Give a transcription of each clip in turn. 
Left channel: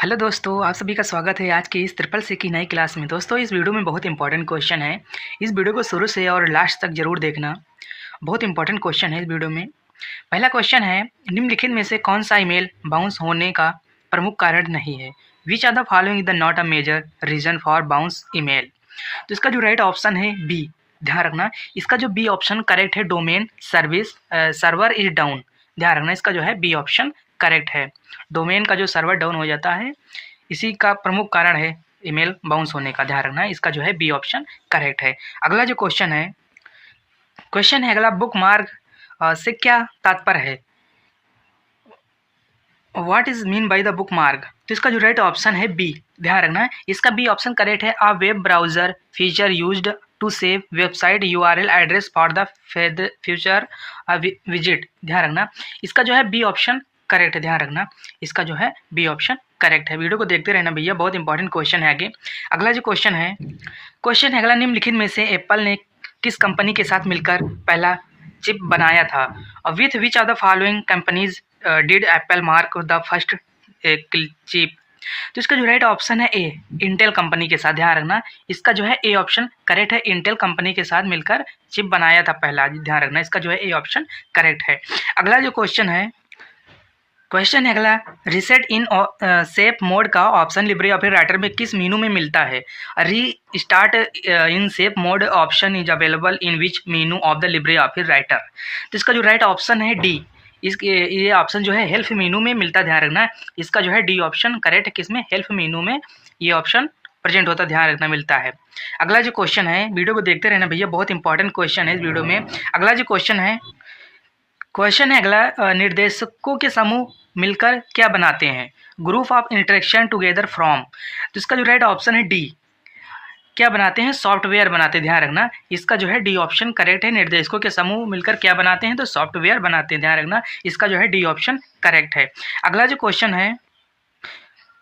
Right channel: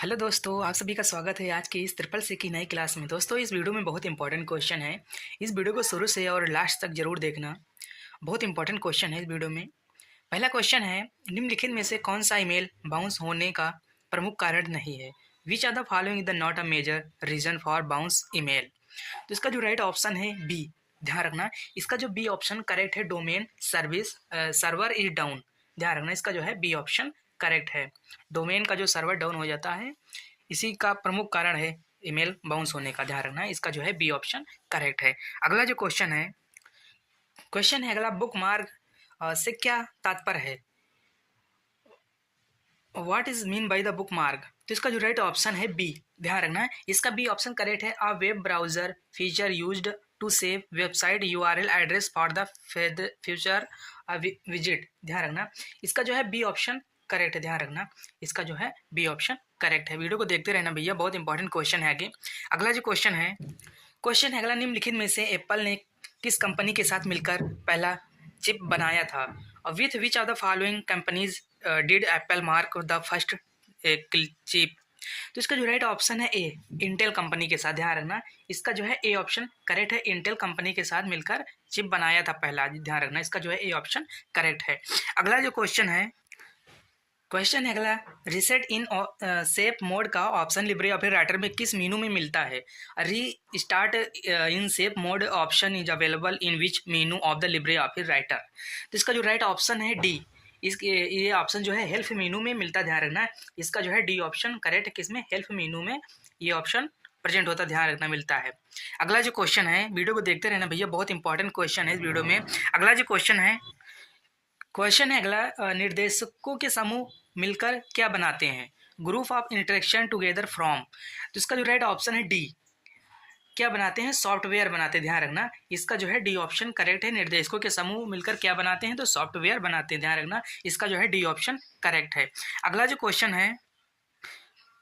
Hello दोस्तों, आप सभी का स्वागत है आज की इस ट्रिपल सी की नई क्लास में। दोस्तों, इस वीडियो में बहुत इंपॉर्टेंट क्वेश्चन है। इस वीडियो को शुरू से और लास्ट तक जरूर देखना। बहुत इंपॉर्टेंट क्वेश्चन है इस वीडियो में। पहला क्वेश्चन है, निम्नलिखित में से कौन सा ईमेल बाउंस होने का प्रमुख कारण नहीं है? Which are the following is the not a major reason for bounce email? तो इसका जो राइट ऑप्शन है बी। ध्यान रखना, इसका जो बी ऑप्शन करेक्ट है। Domain service server is down. ध्यान रखना, इसका जो है बी ऑप्शन करेक्ट है। डोमेन का जो सर्वर डाउन हो जाता है, इसी का प्रमुख कारण है ईमेल बाउंस होने का। ध्यान रखना, इसका जो है बी ऑप्शन करेक्ट है। अगला जो क्वेश्चन है अगला, बुक मार्क से क्या तात्पर्य है? What is mean by the book mark? तो इसका जो राइट ऑप्शन है बी। ध्यान रखना, इसका बी ऑप्शन करेक्ट है। A web browser feature used to save website URL address for the future visit. ध्यान रखना, इसका जो है बी ऑप्शन करेक्ट है। ध्यान रखना, इसका जो है बी ऑप्शन करेक्ट है। वीडियो को देखते रहना भैया, बहुत इंपॉर्टेंट क्वेश्चन है आगे। अगला जो क्वेश्चन है अगला, निम्नलिखित में से एप्पल ने किस कंपनी के साथ मिलकर पहला चिप बनाया था? With which are the following companies did Apple mark the first chip? तो इसका जो राइट ऑप्शन है ए, इंटेल कंपनी के साथ। ध्यान रखना, इसका जो है ए ऑप्शन करेक्ट है। इंटेल कंपनी के साथ मिलकर चिप बनाया था पहला। ध्यान रखना, इसका जो है ए ऑप्शन करेक्ट है। अगला जो क्वेश्चन है अगला, रिसेट इन सेफ मोड का ऑप्शन लिब्रे ऑफिस राइटर में किस मेनू में मिलता है? री start in safe mode option is available in which menu of the Libre Office Writer? तो इसका जो राइट ऑप्शन है डी। ये ऑप्शन जो है हेल्प मेनू में मिलता है। ध्यान रखना, इसका जो है डी ऑप्शन करेक्ट है। किसमें? हेल्प मेनू में ये ऑप्शन प्रेजेंट होता है। ध्यान रखना, मिलता है। अगला जो क्वेश्चन है, वीडियो को देखते रहना भैया, बहुत इंपॉर्टेंट क्वेश्चन है इस वीडियो में। अगला जो क्वेश्चन है अगला, निर्देशकों के समूह मिलकर क्या बनाते हैं? Group of interaction together from. तो इसका जो राइट ऑप्शन है डी। क्या बनाते हैं? सॉफ्टवेयर बनाते हैं। ध्यान रखना, इसका जो है डी ऑप्शन करेक्ट है। निर्देशकों के समूह मिलकर क्या बनाते हैं? तो सॉफ्टवेयर बनाते हैं। ध्यान रखना, इसका जो है डी ऑप्शन करेक्ट है। अगला जो क्वेश्चन है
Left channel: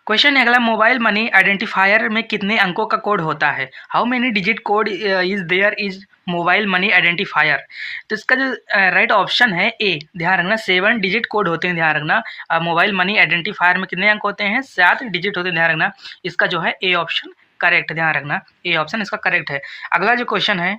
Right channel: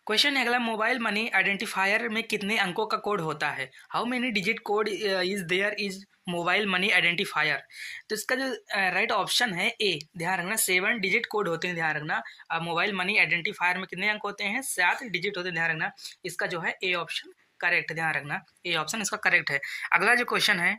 अगला, मोबाइल मनी आइडेंटिफायर में कितने अंकों का कोड होता है? How many digit code is there is mobile money identifier? तो इसका जो राइट ऑप्शन है ए। ध्यान रखना, 7 डिजिट कोड होते हैं। ध्यान रखना, मोबाइल मनी आइडेंटिफायर में कितने अंक होते हैं? 7 डिजिट होते हैं। ध्यान रखना, इसका जो है ए ऑप्शन करेक्ट है। ध्यान रखना, ए ऑप्शन इसका करेक्ट है। अगला जो क्वेश्चन है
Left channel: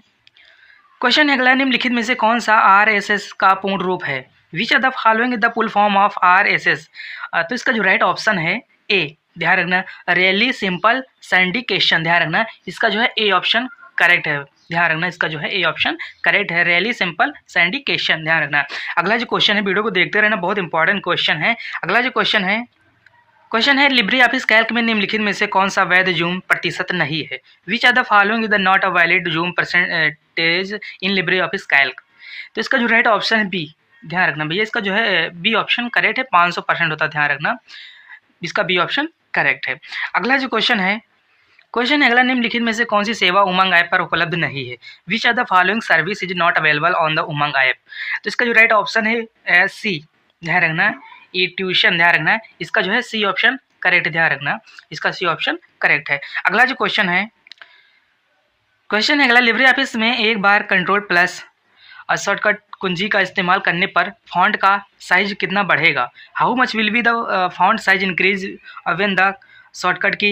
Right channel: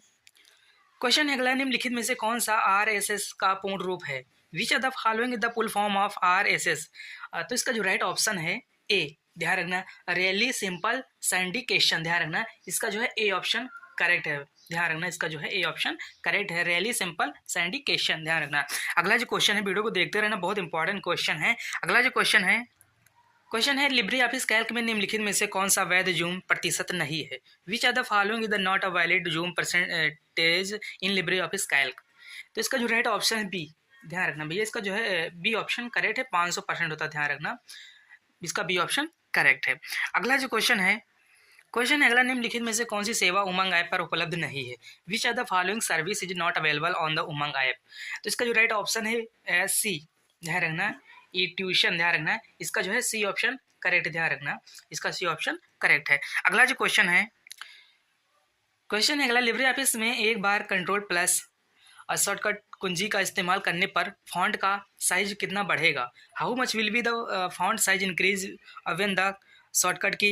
अगला, निम्नलिखित में से कौन सा RSS का पूर्ण रूप है? Which are the following the full form of RSS? तो इसका जो राइट ऑप्शन है ए। ध्यान रखना, रियली सिंपल सिंडिकेशन। ध्यान रखना, इसका जो है ए ऑप्शन करेक्ट है। ध्यान रखना, इसका जो है ए ऑप्शन करेक्ट है, रियली सिंपल सिंडिकेशन। ध्यान रखना। अगला जो क्वेश्चन है, वीडियो को देखते रहना, बहुत इंपॉर्टेंट क्वेश्चन है। अगला जो क्वेश्चन है लिब्रे ऑफिस कैल्क में निम्नलिखित में से कौन सा वैध जूम प्रतिशत नहीं है? Which are the following is the not a valid zoom percentage in Libre Office Calc? तो इसका जो राइट ऑप्शन है बी। ध्यान रखना भैया, इसका जो है बी ऑप्शन करेक्ट है। 500% होता है। ध्यान रखना, इसका बी ऑप्शन करेक्ट है। अगला जो क्वेश्चन है अगला, निम्नलिखित में से कौन सी सेवा उमंग ऐप पर उपलब्ध नहीं है? Which are the following service is not available on the Umang app? तो इसका जो राइट ऑप्शन है सी। ध्यान रखना, ई ट्यूशन। ध्यान रखना, इसका जो है सी ऑप्शन करेक्ट है। ध्यान रखना, इसका सी ऑप्शन करेक्ट है। अगला जो क्वेश्चन है अगला, लिब्रे ऑफिस में एक बार कंट्रोल प्लस और शॉर्टकट कुंजी का इस्तेमाल करने पर फॉन्ट का साइज कितना बढ़ेगा? How much will be the font size increase when the shortcut key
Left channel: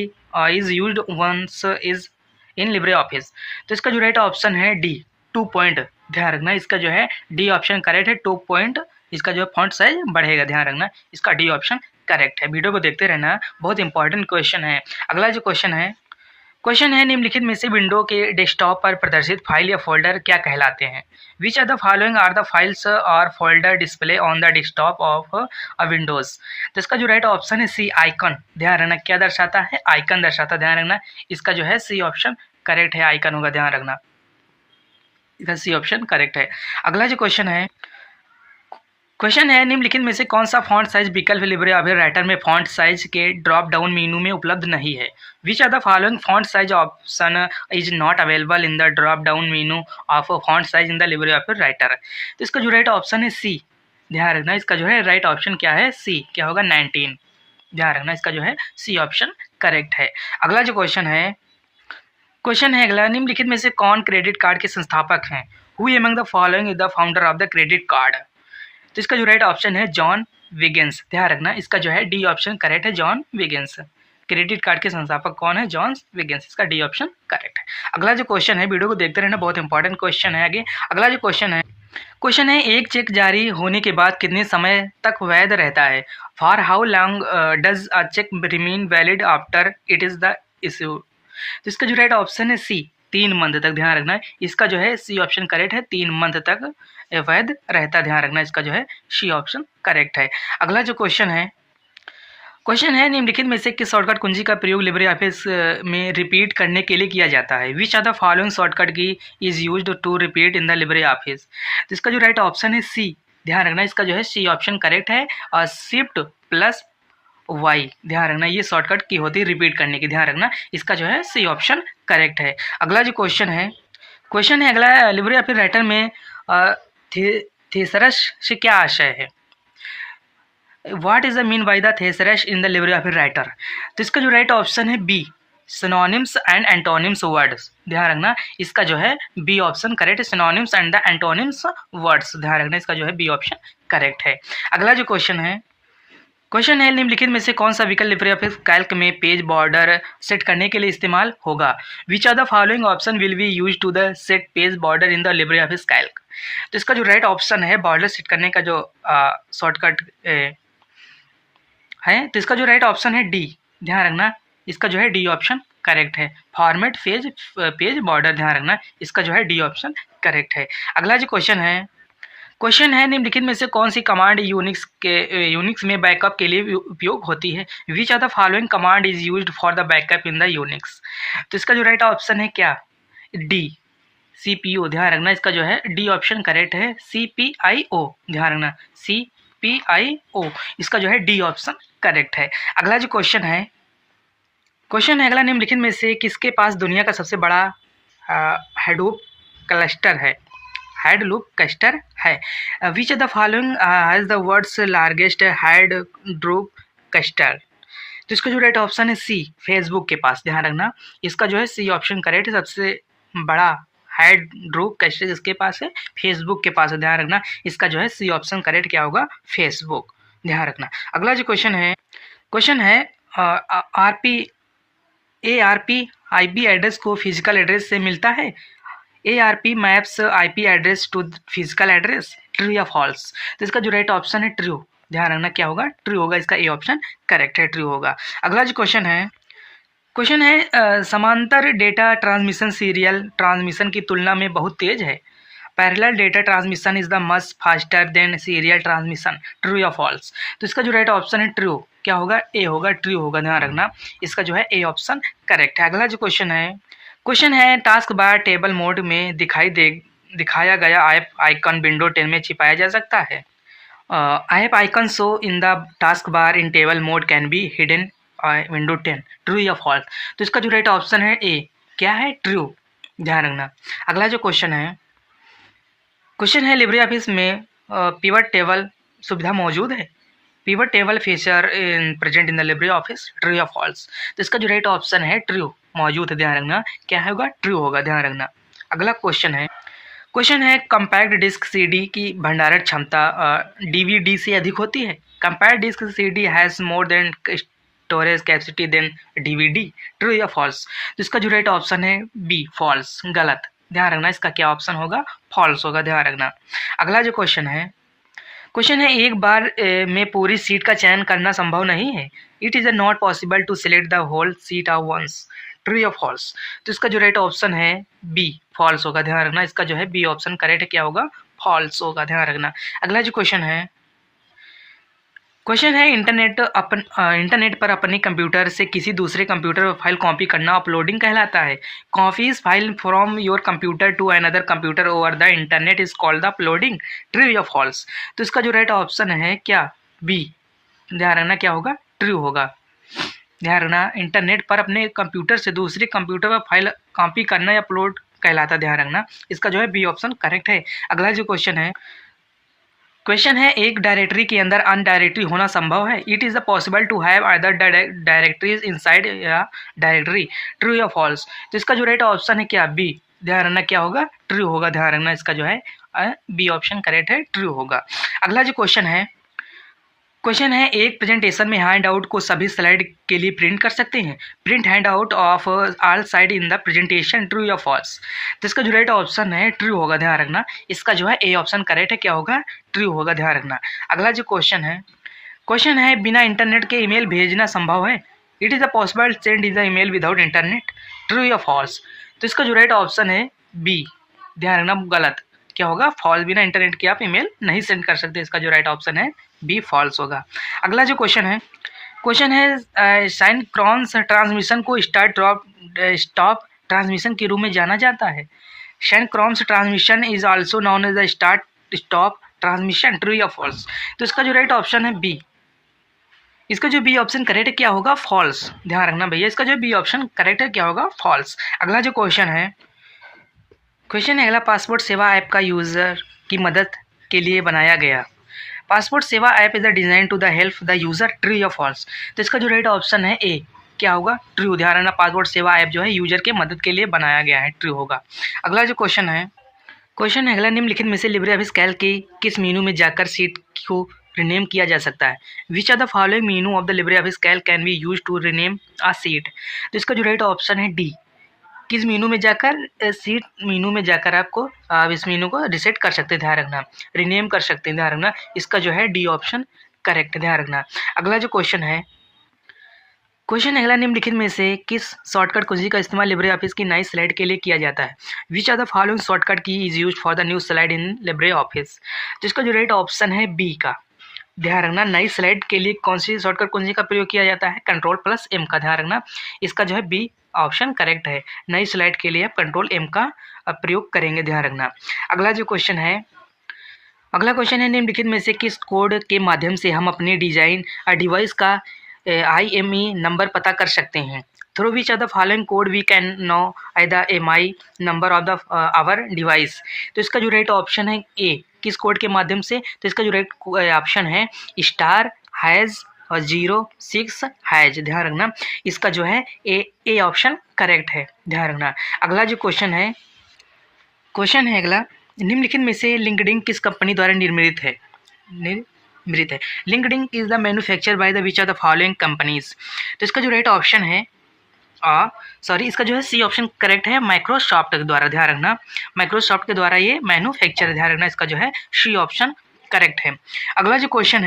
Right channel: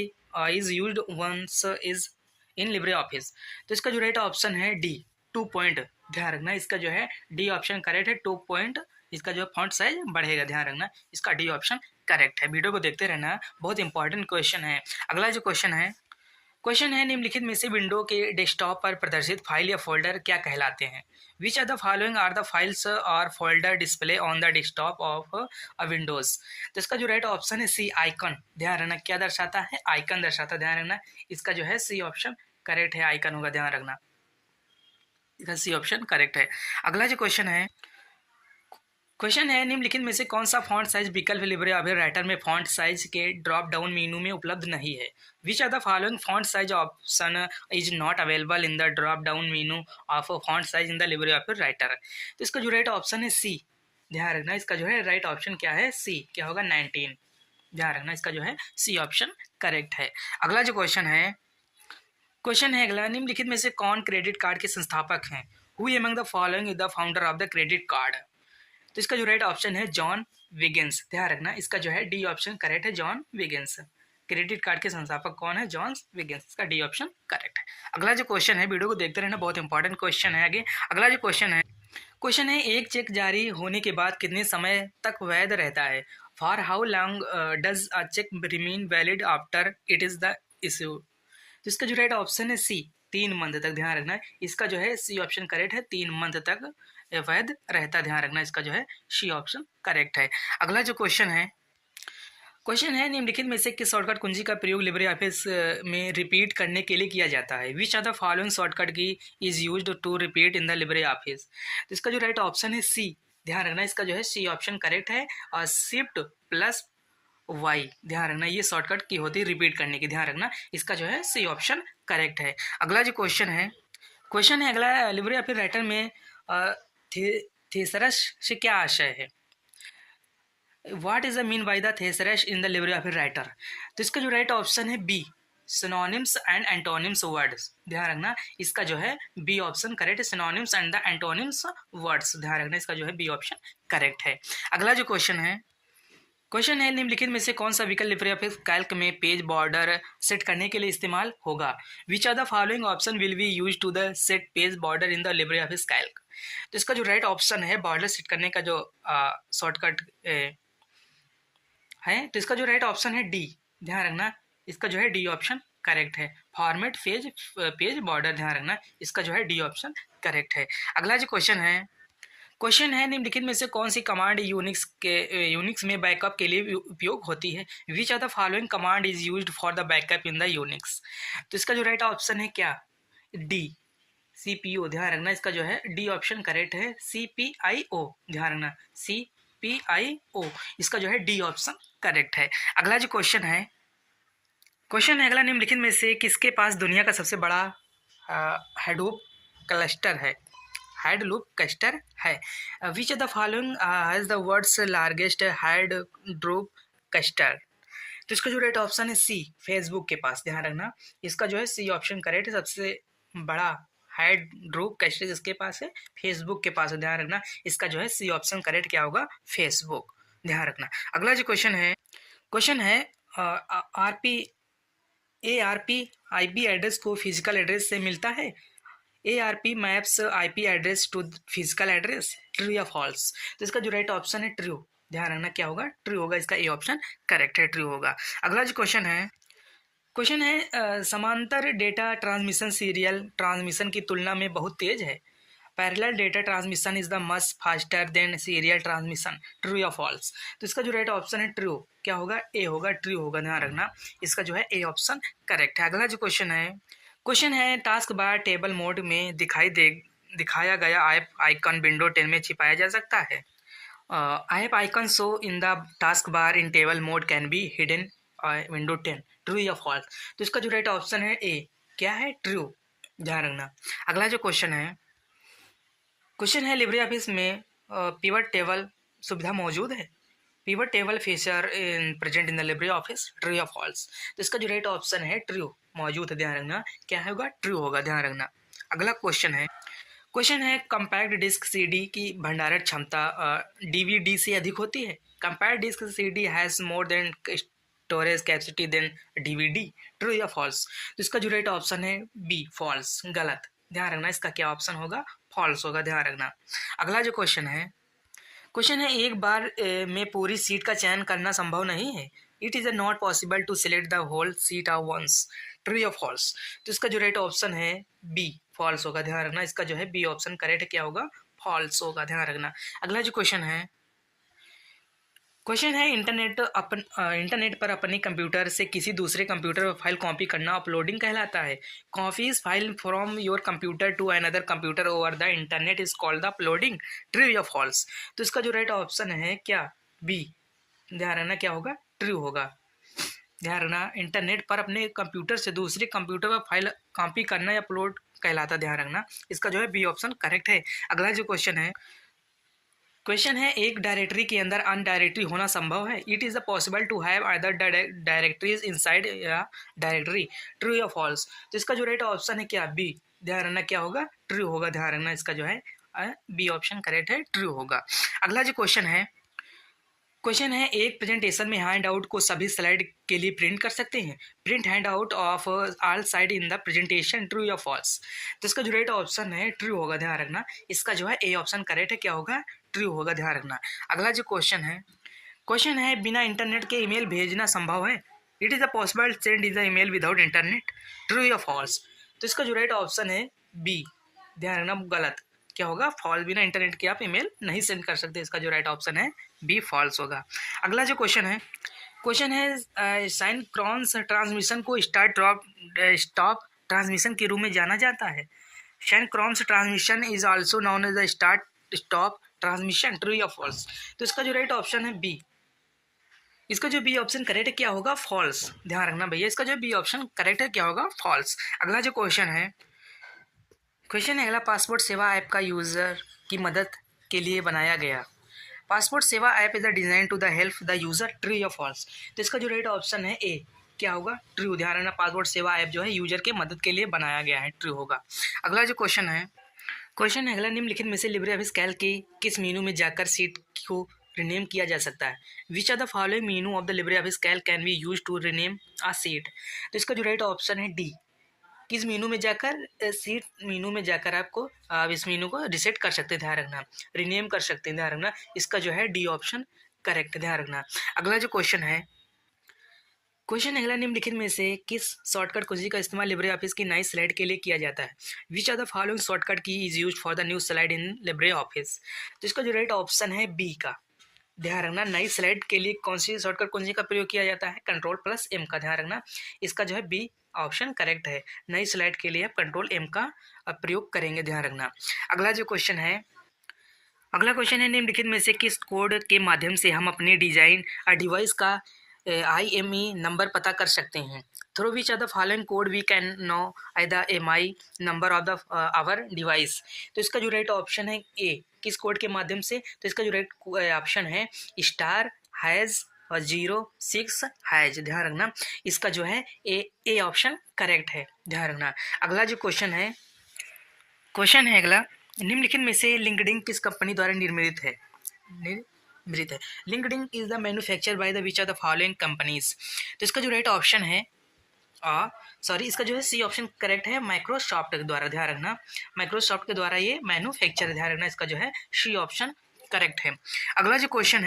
is used once is in Libre Office? तो इसका जो राइट ऑप्शन है डी, 2 पॉइंट। ध्यान रखना, इसका जो है डी ऑप्शन करेक्ट है। 2 पॉइंट इसका जो है फॉन्ट साइज बढ़ेगा। ध्यान रखना, इसका डी ऑप्शन करेक्ट है। वीडियो को देखते रहना, बहुत इंपॉर्टेंट क्वेश्चन है। अगला जो क्वेश्चन है निम्नलिखित में से विंडो के डेस्कटॉप पर प्रदर्शित फाइल या फोल्डर क्या कहलाते हैं? Which are the following are the files or folder display on the desktop of a Windows? तो इसका जो राइट ऑप्शन है सी, आइकन। ध्यान रखना, क्या दर्शाता है? आइकन दर्शाता है। ध्यान रखना, इसका जो है सी ऑप्शन करेक्ट है, आइकन होगा। ध्यान रखना, इसका सी ऑप्शन करेक्ट है। अगला जो क्वेश्चन है निम्नलिखित में से कौन सा फॉन्ट साइज विकल्प लिब्रे ऑफिस राइटर में फॉन्ट साइज के ड्रॉप डाउन मेनू में उपलब्ध नहीं है? Which are the following font size option is not available in the drop down menu of font size in the Libre Office Writer? तो इसका जो right option है सी। ध्यान रखना, इसका जो है राइट ऑप्शन क्या है? सी। क्या होगा? 19। ध्यान रखना, इसका जो है सी ऑप्शन करेक्ट है। अगला जो क्वेश्चन है अगला, निम्नलिखित में से कौन क्रेडिट कार्ड के संस्थापक हैं? Who among the following is the founder of the credit card? तो इसका जो राइट ऑप्शन है जॉन विगिंस। ध्यान रखना, इसका जो है डी ऑप्शन करेक्ट है, जॉन विगिंस। क्रेडिट कार्ड के संस्थापक कौन है? जॉन विगेंस। इसका डी ऑप्शन करेक्ट है। अगला जो क्वेश्चन है, वीडियो को देखते रहना, बहुत इंपॉर्टेंट क्वेश्चन है। आगे अगला जो क्वेश्चन है एक चेक जारी होने के बाद कितने समय तक वैध रहता है? For how long does a cheque remain valid after it is the issue? तो इसका जो राइट ऑप्शन है सी, 3 मंथ तक। ध्यान रखना है, इसका जो है सी ऑप्शन करेक्ट है, 3 मंथ तक वैध रहता। ध्यान रखना, इसका जो है सी ऑप्शन करेक्ट है। अगला जो क्वेश्चन है निम्नलिखित में से किस शॉर्टकट कुंजी का प्रयोग लिब्रे ऑफिस में रिपीट करने के लिए किया जाता है? Which are the following shortcut key is used to repeat in the Libre Office? तो इसका जो राइट ऑप्शन है सी। ध्यान रखना, इसका जो है सी ऑप्शन करेक्ट है। और शिफ्ट प्लस वाई, ध्यान रखना, ये शॉर्टकट की होती है रिपीट करने की। ध्यान रखना, इसका जो है सी ऑप्शन करेक्ट है। अगला जो क्वेश्चन है अगला, लिब्रे ऑफिस राइटर में थेसरस से क्या आशय है? What is the mean by the thesaurus in the Libre Office Writer? तो इसका जो राइट ऑप्शन है B, synonyms and antonyms words. ध्यान रखना, इसका जो है बी ऑप्शन करेक्ट है, synonyms and the antonyms words. ध्यान रखना, इसका जो है बी ऑप्शन करेक्ट है। अगला जो क्वेश्चन है निम्नलिखित में से कौन सा विकल्प लिब्रे ऑफिस कैल्क में पेज बॉर्डर सेट करने के लिए इस्तेमाल होगा? Which are the following option will be use to the set page border in the Libre Office Calc? तो इसका जो राइट ऑप्शन है बॉर्डर सेट करने का जो शॉर्टकट है, तो इसका जो राइट ऑप्शन है डी। ध्यान रखना, इसका जो है डी ऑप्शन करेक्ट है, फॉर्मेट पेज बॉर्डर। ध्यान रखना, इसका जो है डी ऑप्शन करेक्ट है। अगला जो क्वेश्चन है निम्नलिखित में से कौन सी कमांड यूनिक्स में बैकअप के लिए उपयोग होती है? Which are the following command is used for the backup in the Unix? तो इसका जो राइट ऑप्शन है क्या? D, CPU। ध्यान रखना, इसका जो है डी ऑप्शन करेक्ट है, CPIO। ध्यान रखना, CPIO, इसका जो है डी ऑप्शन करेक्ट है। अगला जो क्वेश्चन है अगला, निम्नलिखित में से किसके पास दुनिया का सबसे बड़ा हेडूप क्लस्टर है? Which of the following has the world's largest Hadoop cluster? तो इसका जो राइट ऑप्शन है सी, फेसबुक के पास। ध्यान रखना, इसका जो है सी ऑप्शन करेक्ट है, सबसे बड़ा हेडूप क्लस्टर जिसके पास है, फेसबुक के पास है। ध्यान रखना, इसका जो है सी ऑप्शन करेक्ट क्या होगा? फेसबुक। ध्यान रखना। अगला जो क्वेश्चन है ARP IP एड्रेस को फिजिकल एड्रेस से मिलता है? ARP maps IP address to physical address, true या फॉल्स? तो इसका जो राइट ऑप्शन है ट्रू। ध्यान रखना, क्या होगा? ट्रू होगा, इसका ए ऑप्शन करेक्ट है, ट्रू होगा। अगला जो क्वेश्चन है समांतर डेटा ट्रांसमिशन सीरियल ट्रांसमिशन की तुलना में बहुत तेज है। Parallel data transmission is the much faster than serial transmission, true या फॉल्स? तो इसका जो राइट ऑप्शन है ट्रू, क्या होगा? ए होगा, ट्रू होगा। ध्यान रखना, इसका जो है ए ऑप्शन करेक्ट है। अगला जो क्वेश्चन है टास्क बार टेबल मोड में दिखाया गया ऐप आइकन विंडो 10 में छिपाया जा सकता है? App icon show in the task bar in table mode can be hidden window 10, true या फॉल्स? तो इसका जो राइट ऑप्शन है ए, क्या है? ट्रू। ध्यान रखना। अगला जो क्वेश्चन है लिब्रे ऑफिस में पिवट टेबल सुविधा मौजूद है? Pivot table feature present in the Libre office, true या फॉल्स? तो इसका जो राइट ऑप्शन है ट्रू, मौजूद है। ध्यान रखना, क्या होगा? ट्रू होगा। ध्यान रखना। अगला क्वेश्चन है कंपैक्ट डिस्क CD की भंडारण क्षमता DVD से अधिक होती है? Compact disc CD has more than storage capacity than DVD, true या फॉल्स? तो इसका जो राइट ऑप्शन है बी, फॉल्स, गलत। ध्यान रखना, इसका क्या ऑप्शन होगा? फॉल्स होगा। ध्यान रखना। अगला जो क्वेश्चन है एक बार में पूरी सीट का चयन करना संभव नहीं है। It is not possible to select the whole sheet of once, true या फॉल्स? तो इसका जो राइट ऑप्शन है बी, फॉल्स होगा। ध्यान रखना, इसका जो है बी ऑप्शन करेक्ट है, क्या होगा? फॉल्स होगा। ध्यान रखना। अगला जो क्वेश्चन है इंटरनेट पर अपने कंप्यूटर से किसी दूसरे कंप्यूटर पर फाइल कॉपी करना अपलोडिंग कहलाता है। Copies file from your computer to another computer over the internet is called the uploading, true या फॉल्स? तो इसका जो राइट ऑप्शन है क्या? बी। ध्यान रखना, क्या होगा? ट्रू होगा। ध्यान रखना, इंटरनेट पर अपने कंप्यूटर से दूसरे कंप्यूटर पर फाइल कॉपी करना या अपलोड कहलाता। ध्यान रखना, इसका जो है बी ऑप्शन करेक्ट है। अगला जो क्वेश्चन है एक डायरेक्टरी के अंदर अन्य डायरेक्टरी होना संभव है? It is possible to have other directories inside या डायरेक्टरी, ट्रू या फॉल्स? तो इसका जो राइट ऑप्शन है क्या? बी। ध्यान रखना, क्या होगा? ट्रू होगा। ध्यान रखना, इसका जो है बी ऑप्शन करेक्ट है, ट्रू होगा। अगला जो क्वेश्चन क्वेश्चन है, एक प्रेजेंटेशन में हैंड आउट को सभी स्लाइड के लिए प्रिंट कर सकते हैं। Print hand out of all side in the presentation, true या फॉल्स। तो इसका जो राइट ऑप्शन है ट्रू होगा, ध्यान रखना। इसका जो है ए ऑप्शन करेक्ट है, क्या होगा, ट्रू होगा, ध्यान रखना। अगला जो क्वेश्चन है बिना इंटरनेट के ईमेल भेजना संभव है। It is a possible send is the email without internet, true या फॉल्स। तो इसका जो राइट ऑप्शन है बी, ध्यान रखना, गलत, क्या होगा, फॉल्स। बिना इंटरनेट के आप ईमेल नहीं सेंड कर सकते। इसका जो राइट ऑप्शन है बी, फॉल्स होगा। अगला जो क्वेश्चन है साइनक्रॉन्स ट्रांसमिशन को स्टार्ट ड्रॉप स्टॉप ट्रांसमिशन के रूप में जाना जाता है। Synchronous transmission is also known as the start stop transmission, true या फॉल्स। तो इसका जो राइट ऑप्शन है बी, इसका जो बी ऑप्शन करेक्ट है, क्या होगा, फॉल्स। ध्यान रखना भैया, इसका जो बी ऑप्शन करेक्ट है, क्या होगा, फॉल्स। अगला जो क्वेश्चन है अगला, पासपोर्ट सेवा ऐप का यूज़र की मदद के लिए बनाया गया। Passport Seva app is design to the help the user, true या फॉल्स। तो इसका जो राइट ऑप्शन है ए, क्या होगा, ट्रू। ध्यान रखना, पासपोर्ट सेवा ऐप जो है यूजर के मदद के लिए बनाया गया है, ट्रू होगा। अगला जो क्वेश्चन है अगला, निम्नलिखित में से लिब्रे ऑफिस कैल्क के किस मेनू में जाकर सीट को रिनेम किया जा सकता है। Which are the following menu of the Libre Office Calc can be use to rename a sheet. तो इसका जो राइट ऑप्शन है डी, किस मेनू में जाकर, सीट मेनू में जाकर आपको आप इस मेनू को रिसेट कर सकते हैं, ध्यान रखना, रिनेम कर सकते हैं, ध्यान रखना। इसका जो है डी ऑप्शन करेक्ट है, ध्यान रखना। अगला जो क्वेश्चन है अगला, निम्नलिखित में से किस शॉर्टकट कुंजी का इस्तेमाल लिब्रे ऑफिस की नई स्लाइड के लिए किया जाता है। Which are the following shortcut key is use for the new slide in Libre Office. तो इसका जो राइट ऑप्शन है बी का, ध्यान रखना, नई स्लाइड के लिए कौन सी शॉर्टकट कुंजी का प्रयोग किया जाता है, कंट्रोल+M का, ध्यान रखना। इसका जो है बी ऑप्शन करेक्ट है, नई स्लाइड के लिए आप कंट्रोल+M का प्रयोग करेंगे, ध्यान रखना। अगला क्वेश्चन है निम्नलिखित में से किस कोड के माध्यम से हम अपने डिवाइस का IME नंबर पता कर सकते हैं। Through which are the following code we can know the MI number of the our device. तो इसका जो राइट ऑप्शन है ए, किस कोड के माध्यम से। तो इसका जो राइट ऑप्शन है *# और 06#, ध्यान रखना। इसका जो है ए ऑप्शन करेक्ट है, ध्यान रखना। अगला जो क्वेश्चन है अगला, निम्नलिखित में से लिंक्डइन किस कंपनी द्वारा निर्मित है। LinkedIn is the manufacture by the which are the following companies. तो इसका जो राइट ऑप्शन है इसका जो है सी ऑप्शन करेक्ट है, माइक्रोसॉफ्ट के द्वारा, ध्यान रखना, माइक्रोसॉफ्ट के द्वारा ये मैन्युफैक्चर, ध्यान रखना। इसका जो है सी ऑप्शन करेक्ट है। अगला जो क्वेश्चन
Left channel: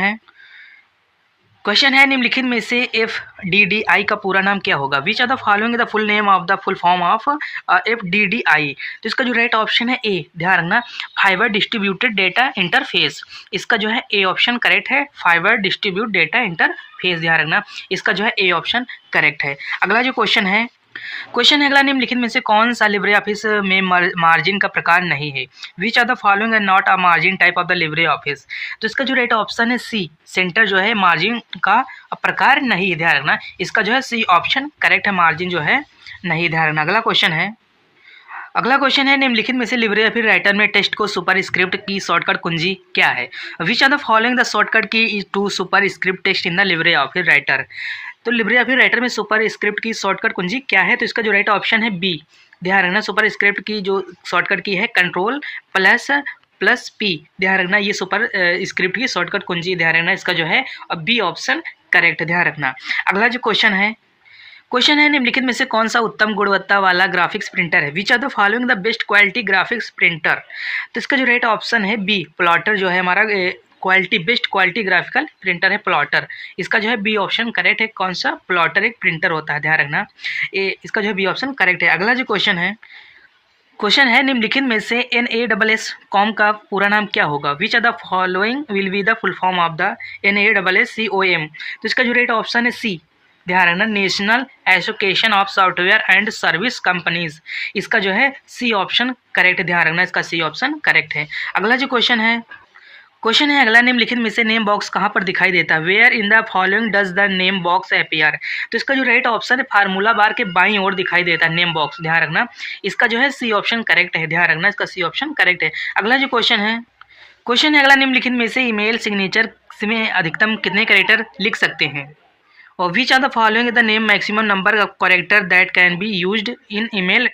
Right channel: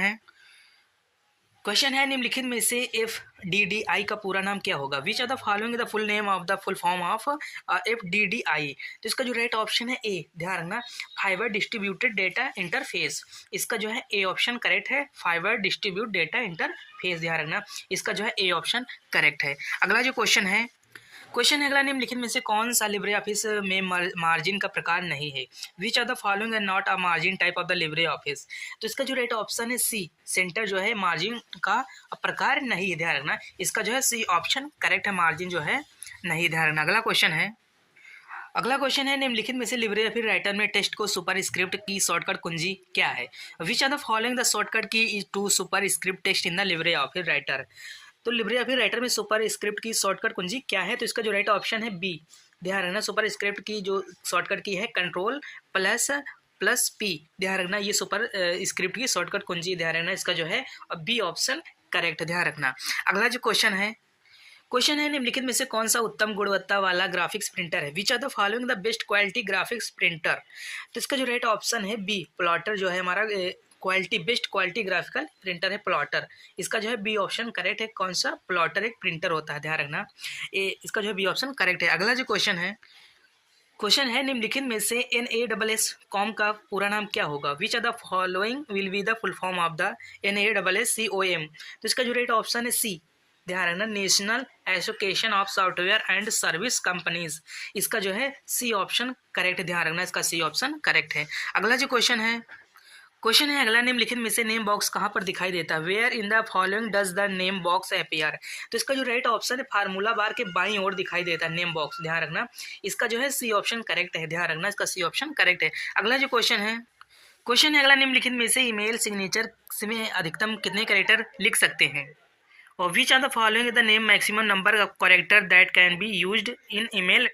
है निम्नलिखित में से FDDI का पूरा नाम क्या होगा। Which are the following the full name of the full form of FDDI। तो इसका जो राइट ऑप्शन है ए, ध्यान रखना, फाइबर डिस्ट्रीब्यूटेड डेटा इंटरफेस। इसका जो है ए ऑप्शन करेक्ट है, फाइबर डिस्ट्रीब्यूट डेटा इंटरफेस, ध्यान रखना। इसका जो है ए ऑप्शन करेक्ट है। अगला जो क्वेश्चन है अगला, निम्नलिखित में से कौन सा लिब्रे ऑफिस में मार्जिन का प्रकार नहीं है। Which are the following are not a margin type of the Libre Office. तो इसका जो राइट ऑप्शन है सी, सेंटर जो है मार्जिन का प्रकार नहीं है, ध्यान रखना। इसका जो है सी ऑप्शन करेक्ट है, मार्जिन जो है नहीं, ध्यान रखना। अगला क्वेश्चन है निम्नलिखित में से लिब्रे ऑफिस राइटर में टेक्स्ट को सुपर स्क्रिप्ट की शॉर्टकट कुंजी क्या है। Which are the following the shortcut key to superscript text in the Libre Office Writer. तो लिब्रे ऑफिस राइटर में सुपर स्क्रिप्ट की शॉर्टकट कुंजी क्या है। तो इसका जो राइट ऑप्शन है बी, ध्यान रखना, सुपर स्क्रिप्ट की जो शॉर्टकट की है Ctrl++P, ध्यान रखना, ये सुपर स्क्रिप्ट की शॉर्टकट कुंजी, ध्यान रखना। इसका जो है बी ऑप्शन करेक्ट, ध्यान रखना। अगला जो क्वेश्चन है निम्नलिखित में से कौन सा उत्तम गुणवत्ता वाला ग्राफिक्स प्रिंटर है। Which are the following the best quality graphics printer. तो इसका जो राइट ऑप्शन है बी, प्लॉटर जो है हमारा बेस्ट क्वालिटी ग्राफिकल प्रिंटर है प्लॉटर। इसका जो है बी ऑप्शन करेक्ट है, कौन सा, प्लॉटर एक प्रिंटर होता है, ध्यान रखना। इसका जो है बी ऑप्शन करेक्ट है। अगला जो क्वेश्चन है निम्नलिखित में से NASSCOM का पूरा नाम क्या होगा। Which are the following will be the full form of the NASSCOM। तो इसका जो राइट ऑप्शन है सी, ध्यान रखना, national association of software and service companies. इसका जो है सी ऑप्शन करेक्ट, ध्यान रखना, इसका सी ऑप्शन करेक्ट है। अगला जो क्वेश्चन है अगला, निम्नलिखित में से नेम बॉक्स कहाँ पर दिखाई देता है। Where in the following does the name box appear. तो इसका जो राइट ऑप्शन है फार्मूला बार के बाईं ओर दिखाई देता है नेम बॉक्स, ध्यान रखना। इसका जो है सी ऑप्शन करेक्ट है, ध्यान रखना, इसका सी ऑप्शन करेक्ट है। अगला जो क्वेश्चन है अगला, निम्नलिखित में से ईमेल सिग्नेचर में अधिकतम कितने कैरेक्टर लिख सकते हैं। और which are the following the name maximum number of character that can be used in email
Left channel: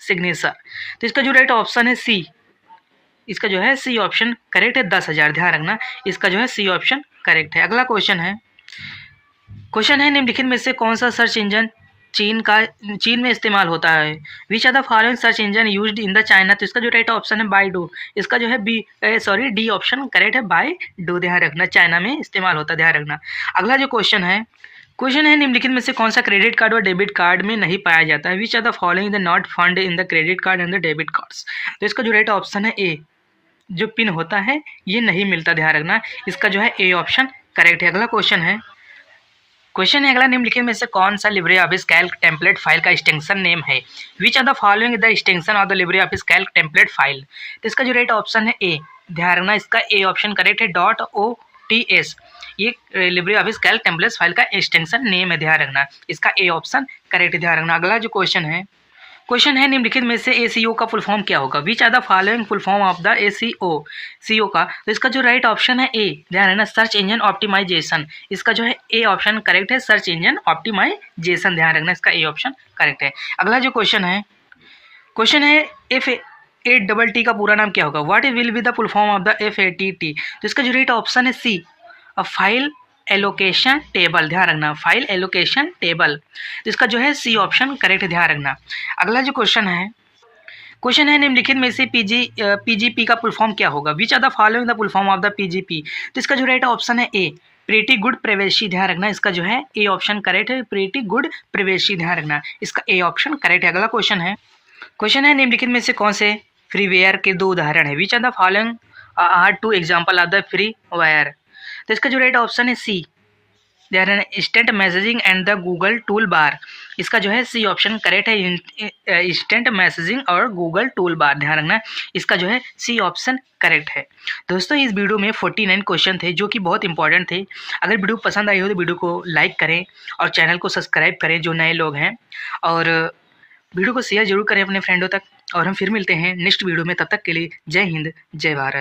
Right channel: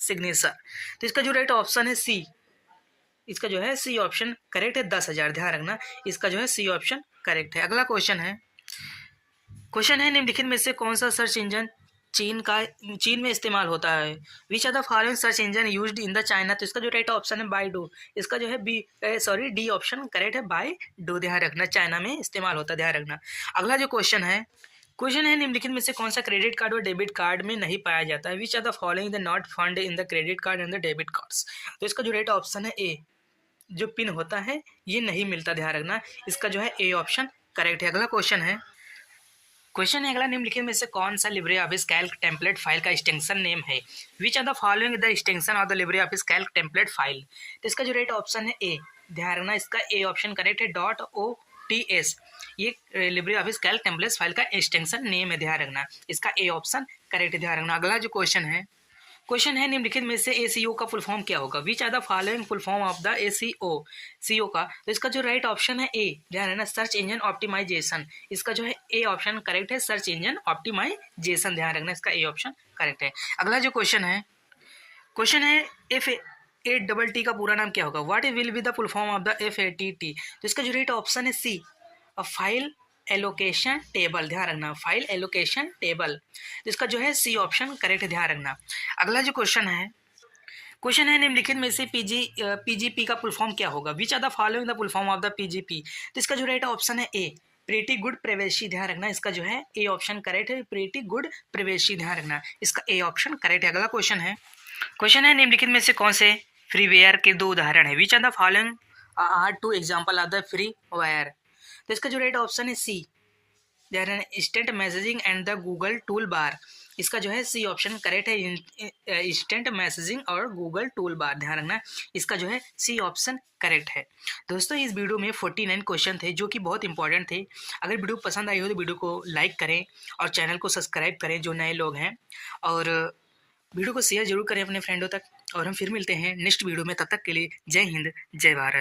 signature. तो इसका जो राइट ऑप्शन है सी, इसका जो है सी ऑप्शन करेक्ट है, 10,000, ध्यान रखना। इसका जो है सी ऑप्शन करेक्ट है। अगला क्वेश्चन है निम्नलिखित में से कौन सा सर्च इंजन चीन में इस्तेमाल होता है? Which are the following search engine used in the China? तो इसका जो राइट ऑप्शन है बाइडू। इसका जो है डी ऑप्शन करेक्ट है, बाइडू। ध्यान रखना, चाइना में इस्तेमाल होता है, ध्यान रखना। अगला जो क्वेश्चन है निम्नलिखित में से कौन सा क्रेडिट कार्ड और डेबिट कार्ड में नहीं पाया जाता है? Which are the following the not fund in the credit card and the debit cards? तो इसका जो राइट ऑप्शन है ए, जो पिन होता है ये नहीं मिलता, ध्यान रखना। इसका जो है ए ऑप्शन करेक्ट है। अगला क्वेश्चन है अगला, निम्नलिखित में से कौन सा Libre Office Calc template file का एक्सटेंशन नेम है? Which are the following the extension of the Libre Office Calc template file? तो इसका जो राइट ऑप्शन है ए, ध्यान रखना, इसका ए ऑप्शन करेक्ट है। .ots ये Libre Office Calc template file का एक्सटेंशन नेम है, ध्यान रखना। इसका ए ऑप्शन करेक्ट है, ध्यान रखना। अगला जो क्वेश्चन है निम्नलिखित में से ACO का फुल फॉर्म क्या होगा? Which are the following full form of the ACO का? तो इसका जो राइट ऑप्शन है ए, ध्यान रखना, सर्च इंजन ऑप्टिमाइजेशन। इसका जो है ए ऑप्शन करेक्ट है, सर्च इंजन ऑप्टिमाइजेशन, ध्यान रखना। इसका ए ऑप्शन करेक्ट है। अगला जो क्वेश्चन है FATT का पूरा नाम क्या होगा? What will be the full form of the FATT? तो इसका जो राइट ऑप्शन है सी, फाइल एलोकेशन टेबल, ध्यान रखना, फाइल एलोकेशन टेबल। तो इसका जो है सी ऑप्शन करेक्ट, ध्यान रखना। अगला जो क्वेश्चन है निम्नलिखित में से PGP का फुल फॉर्म क्या होगा? Which are the following the full form of the PGP? तो इसका जो राइट ऑप्शन है ए, प्रीटी गुड प्राइवेसी, ध्यान रखना। इसका जो है ए ऑप्शन करेक्ट है, प्रीटी गुड प्राइवेसी, ध्यान रखना। इसका ए ऑप्शन करेक्ट है। अगला क्वेश्चन है निम्नलिखित में से कौन से फ्रीवेयर के दो उदाहरण है? Which are the following are two example of the freeware? तो इसका जो राइट ऑप्शन है C, there an instant messaging and the Google toolbar. इसका जो है सी ऑप्शन करेक्ट है, इंस्टेंट मैसेजिंग और गूगल टूल बार, ध्यान रखना। इसका जो है सी ऑप्शन करेक्ट है। दोस्तों इस वीडियो में 49 क्वेश्चन थे जो कि बहुत इंपॉर्टेंट थे। अगर वीडियो पसंद आई हो तो वीडियो को लाइक करें और चैनल को सब्सक्राइब करें जो नए लोग हैं, और वीडियो को शेयर जरूर करें अपने फ्रेंडों तक। और हम फिर मिलते हैं नेक्स्ट वीडियो में, तब तक के लिए जय हिंद, जय भारत।